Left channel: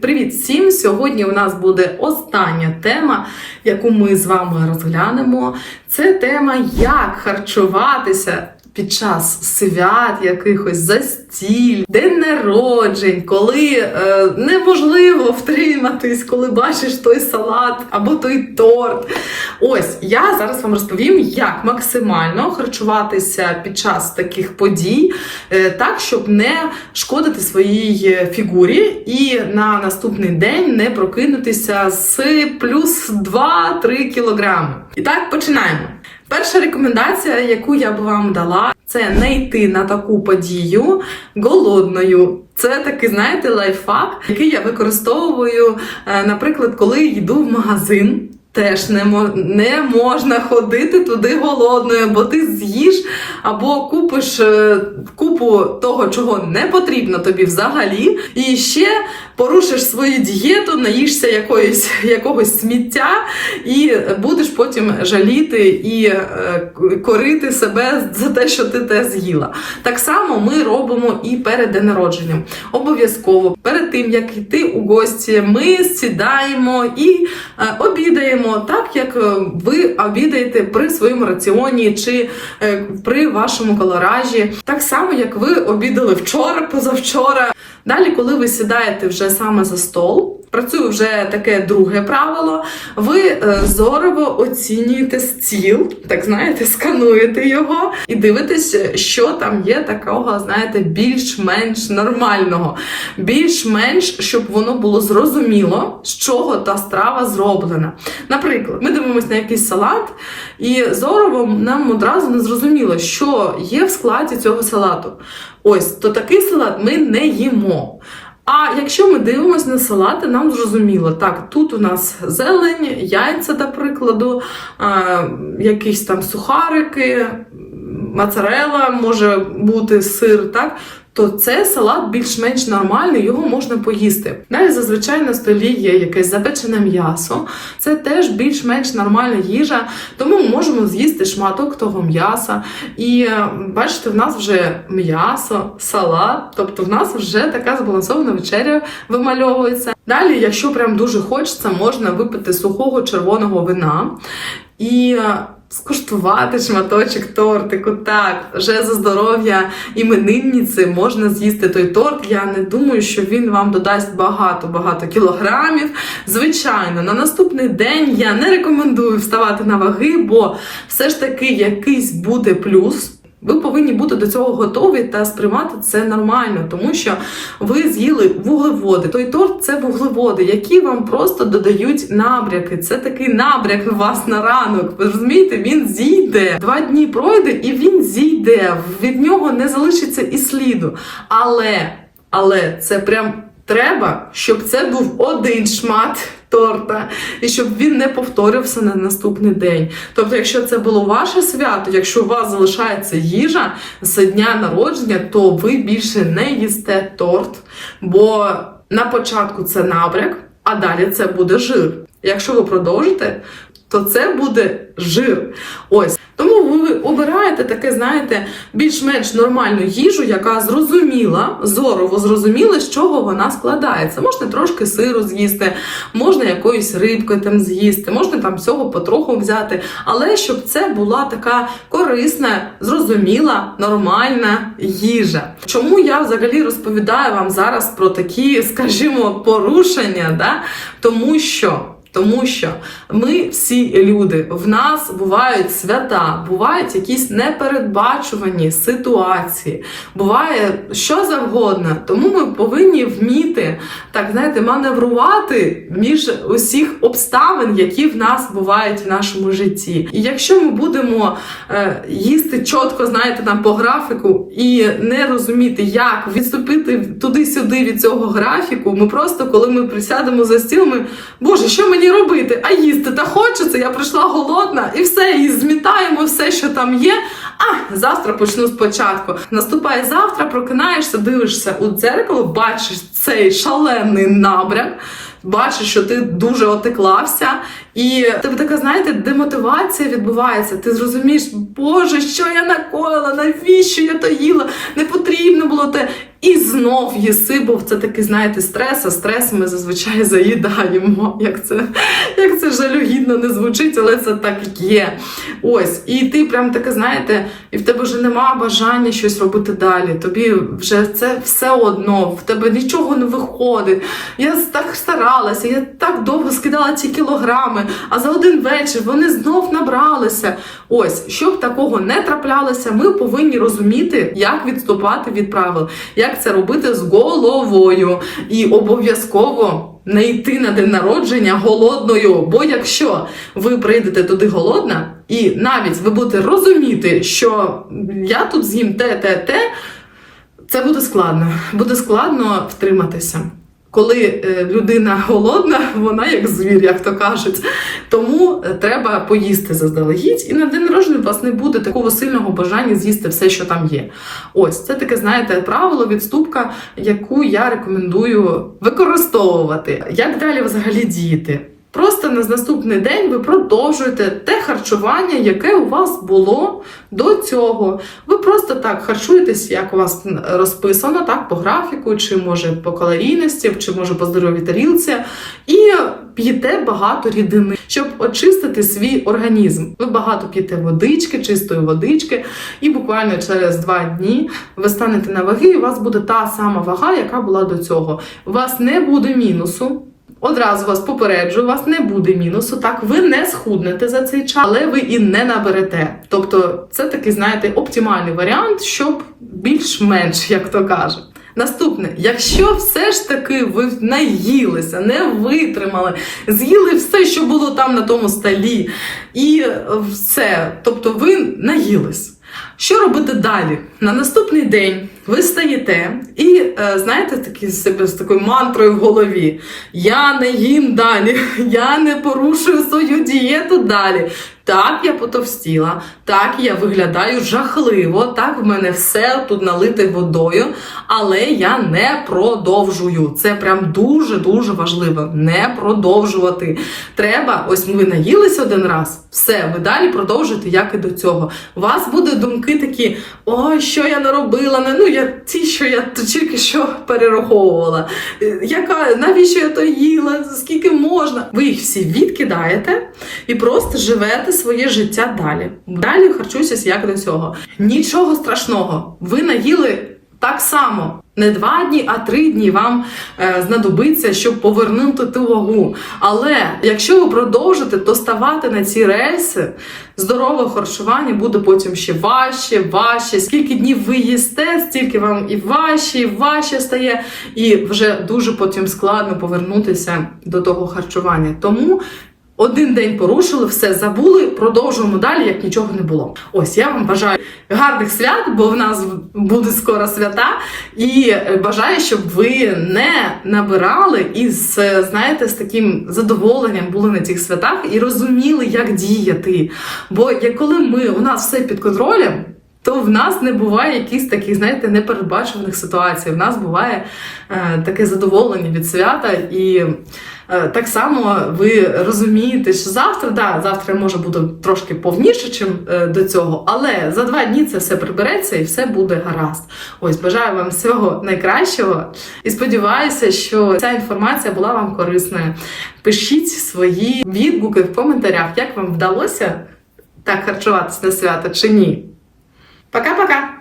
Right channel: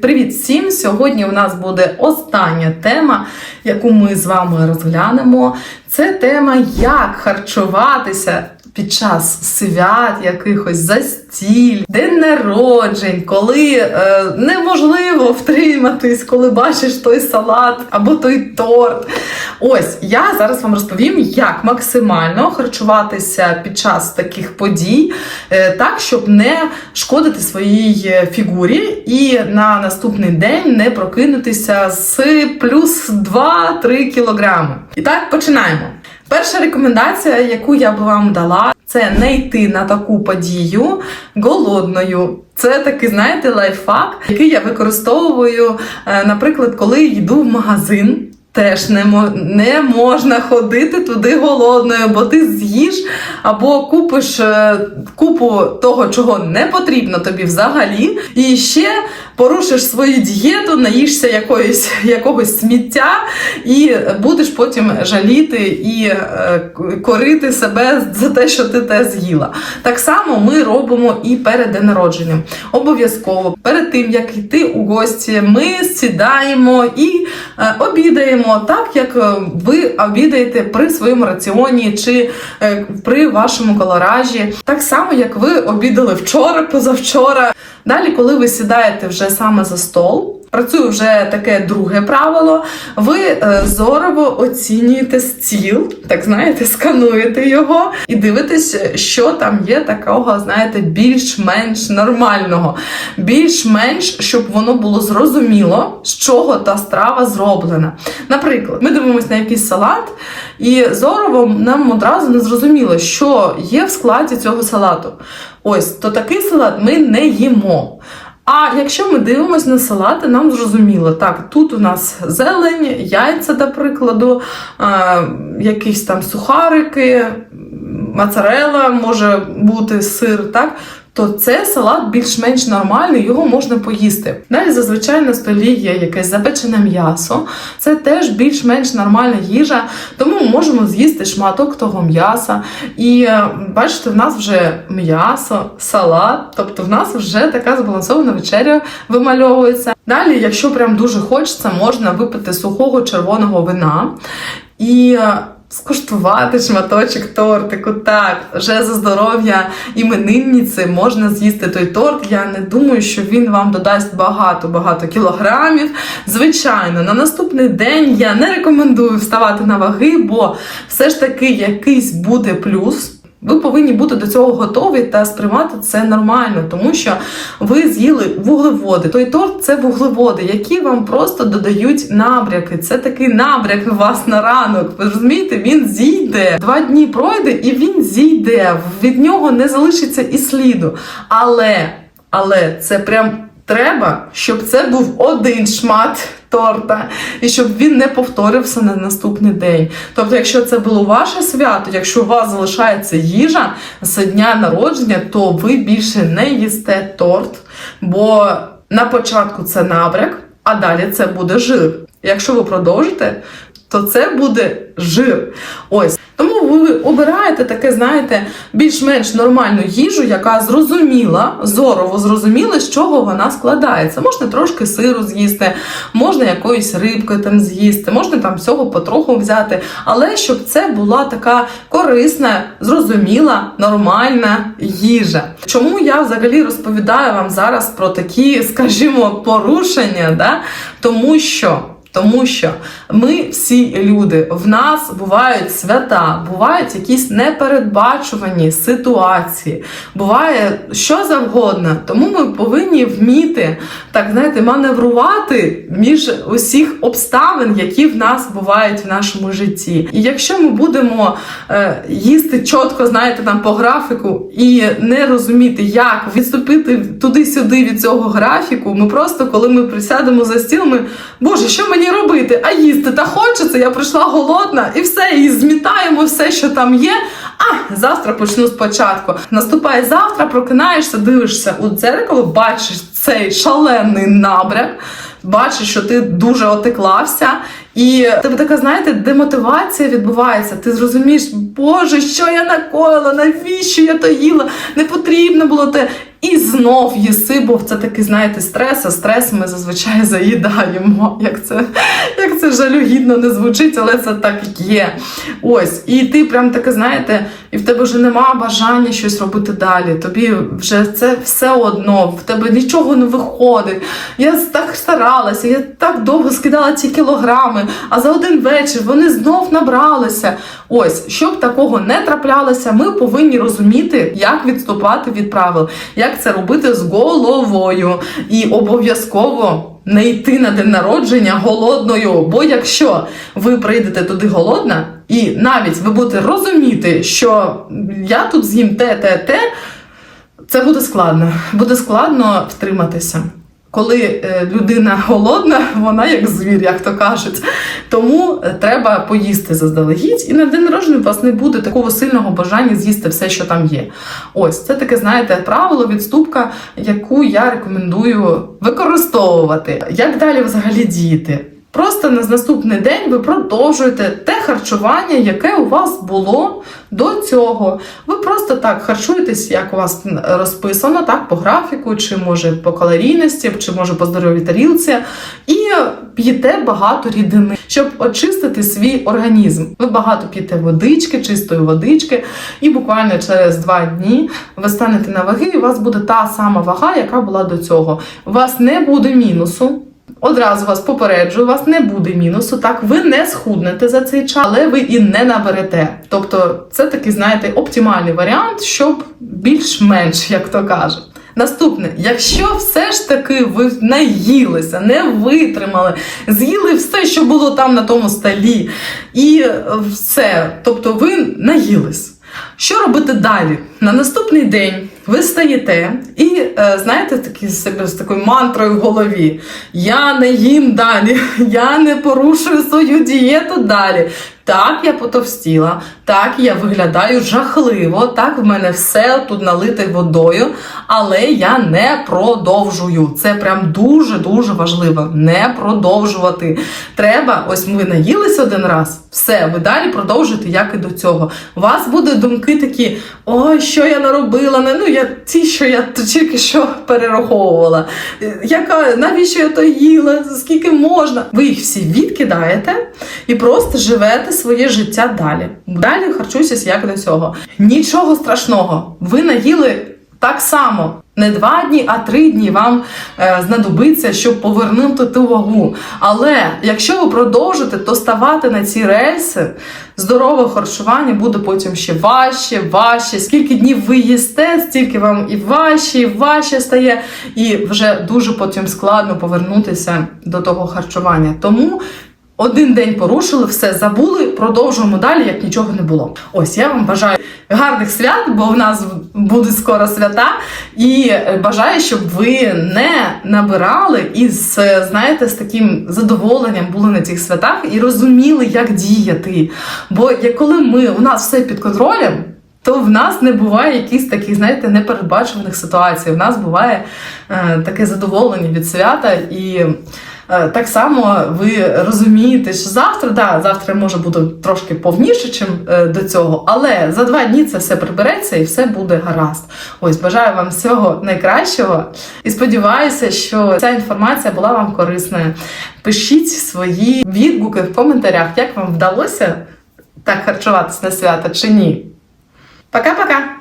Привіт всім! Сьогодні у нас буде остання тема, яку ми з вами розглянемо. Це тема, як харчуватися під час свят, якихось застіль, день народжень, коли е, неможливо втриматись, коли бачиш той салат або той торт. Ось я зараз вам розповім, як максимально харчуватися під час таких подій, е, так, щоб не шкодити своїй фігурі і на наступний день не прокинутися з плюс 2-3 кілограми. І так, починаємо. Перша рекомендація, яку я б вам дала, це не йти на таку подію голодною. Це такий, знаєте, лайфхак, який я використовую, е, наприклад, коли йду в магазин. Теж не, не можна ходити туди голодною, бо ти з'їш або купиш е, купу того, чого не потрібно тобі взагалі, і ще порушиш свою дієту, наїшся якоїсь, якогось сміття, і будеш потім жаліти і е, корити себе за те, що ти те з'їла. Так само ми робимо і перед день народженням. Обов'язково перед тим як йти у гості, ми сідаємо і е, обідаємо так, як е, ви обідаєте при своєму раціоні чи е, при вашому колоражі, так само як ви обідали вчора, позавчора. Далі, коли ви сідаєте вже саме за стол, працює вже таке друге правило. Ви е, зорово оцінюєте стіл, так знаєте, скануєте його і дивитесь, що там є такого, знаєте, більш-менш нормального, більш-менш, щоб воно було зрозуміло, з чого та страва зроблена. Наприклад, ми дивимося на якийсь салат, і зорово нам одразу не зрозуміло, що є в складі цього салату. Ось, то такий салат ми не їмо. А якщо ми дивимося на салати, нам зрозуміло, так, тут у нас зелень, яйця, до прикладу, якісь там сухарики, мацарела, може бути сир, так. То це салат більш-менш нормальний, його можна поїсти. Далі зазвичай на столі є якесь запечене м'ясо. Це теж більш-менш нормальна їжа, тому ми можемо з'їсти шматок того м'яса. І е, бачите, в нас вже м'ясо, салат, тобто в нас вже така збалансована вечеря вимальовується. Далі, якщо прям дуже хочеться, можна випити сухого червоного вина і. Скуштувати шматочок тортику, так, вже за здоров'я іменинниці можна з'їсти той торт. Я не думаю, що він вам додасть багато-багато кілограмів. Звичайно, на наступний день я не рекомендую вставати на ваги, бо все ж таки якийсь буде плюс. Ви повинні бути до цього готові та сприймати це нормально, тому що ви з'їли вуглеводи. Той торт це вуглеводи, які вам просто додають набряки. Це такий набряк у вас на ранок. Ви розумієте, він зійде. Два дні пройде і він зійде. Від нього не залишиться і сліду. Але, але це прям. Треба, щоб це був один шмат торта, і щоб він не повторився на наступний день. Тобто, якщо це було ваше свято, якщо у вас залишається їжа з дня народження, то ви більше не їсте торт, бо на початку це набряк, а далі це буде жир. Якщо ви продовжите, то це буде жир. Ось. Тому ви обираєте таке, знаєте, більш-менш нормальну їжу, яка зрозуміла, зорово зрозуміла, з чого вона складається. Можна трошки сиру з'їсти, можна якоїсь рибки там з'їсти, можна там всього потроху взяти, але щоб це була така корисна, зрозуміла, нормальна їжа. Чому я взагалі розповідаю вам зараз про такі, скажімо, порушення? Да? Тому що. Тому що ми всі люди, в нас бувають свята, бувають якісь непередбачувані ситуації, буває що завгодно. Тому ми повинні вміти так знаєте, маневрувати між усіх обставин, які в нас бувають в нашому житті. І якщо ми будемо е, їсти чітко, знаєте, там по графіку і не розуміти, як відступити туди-сюди від цього графіку, ми просто, коли ми присядемо за стіл, ми Боже, що мені робити? А їсти та хочеться, я прийшла голодна, і все, і змітаємо все, що там є. А завтра почну спочатку. Наступає завтра, прокинаєшся, дивишся у дзеркало, бачиш цей шалений набряк, бачиш, що ти дуже отеклався, І тебе така, знаєте, демотивація відбувається. Ти зрозумієш, Боже, що я накоїла, навіщо я то їла? Не потрібно було те. І знов їси, бо це такий, знаєте, стрес, а стрес ми зазвичай заїдаємо. Як це, як це жалюгідно не звучить, але це так є. Ось, і ти прям таке, знаєте, і в тебе вже нема бажання щось робити далі. Тобі вже це все одно, в тебе нічого не виходить. Я так старалася, я так довго скидала ці кілограми, а за один вечір вони знов набралися. Ось, щоб такого не траплялося, ми повинні розуміти, як відступати від правил, як це робити з головою. І обов'язково не йти на день народження голодною. Бо якщо ви прийдете туди голодна, і навіть ви будете розуміти, що я тут з'їм те, те, те, це буде складно. Буде складно втриматися. Коли е, людина голодна, вона як звір, як то кажуть. Тому е, треба поїсти заздалегідь, і на день народження у вас не буде такого сильного бажання з'їсти все, що там є. Ось це таке, знаєте, правило, відступка, яку я рекомендую використовувати. Як далі взагалі діяти? Просто на наступний день ви продовжуєте те харчування, яке у вас було до цього. Ви просто так харчуєтесь, як у вас розписано, так, по графіку, чи може по калорійності, чи може по здоровій тарілці, і п'єте багато рідини, щоб очистити свій організм. Ви багато п'єте водички, чистої водички, і буквально через два дні ви станете на ваги, і у вас буде та сама вага, яка була до цього. У вас не буде мінусу. Одразу вас попереджу, у вас не буде мінусу. Так, ви не схуднете за цей час, але ви і не наберете. Тобто, це такий, знаєте, оптимальний варіант, щоб більш-менш, як то кажуть. Наступне, якщо все ж таки ви наїлися, не витримали, з'їли все, що було там на тому столі, і все, тобто ви наїлись. Що робити далі? На наступний день ви стаєте і е, знаєте, такі себе з такою мантрою в голові: Я не їм далі, я не порушую свою дієту далі. Так, я потовстіла, так я виглядаю жахливо, так в мене все тут налите водою, але я не продовжую. Це прям дуже дуже важливо. Не продовжувати. Треба, ось ви наїлись один раз, все, ви далі продовжуєте, як і до цього. У вас будуть думки такі: ой, що я наробила? Ну я ті, що я тільки що перераховувала. Яка навіщо я то їла? Скільки можна? Ви їх всі відкидаєте і просто живете своє життя далі. Далі харчуйтесь як до цього. Нічого страшного. Ви наїли так само. Не два дні, а три дні вам е, знадобиться, щоб повернути ту вагу. Але якщо ви продовжите, то ставати на ці рельси, здорове харчування буде потім ще важче, важче. Скільки днів ви їсте, стільки вам і важче, і важче стає, і вже дуже потім складно повернутися до того харчування. Тому один день порушили, все забули, продовжуємо далі, як нічого не було. Ось я вам бажаю гарних свят, бо в нас буде скоро свята, і бажаю, щоб ви не набирали і з, знаєте, з таким задоволенням були на цих святах і розуміли, як діяти. Бо як коли ми у нас все під контролем. То в нас не буває якихось таких, знаєте, непередбачуваних ситуацій. В нас буває е, таке задоволення від свята, і е, так само ви розумієте, що завтра, да, завтра може бути трошки повніше, чим е, до цього, але за два дні це все прибереться і все буде гаразд. Ось бажаю вам всього найкращого і сподіваюся, що ця інформація була вам корисною. Пишіть свої відгуки в коментарях, як вам вдалося так харчуватися на свято чи ні. Пока-пока!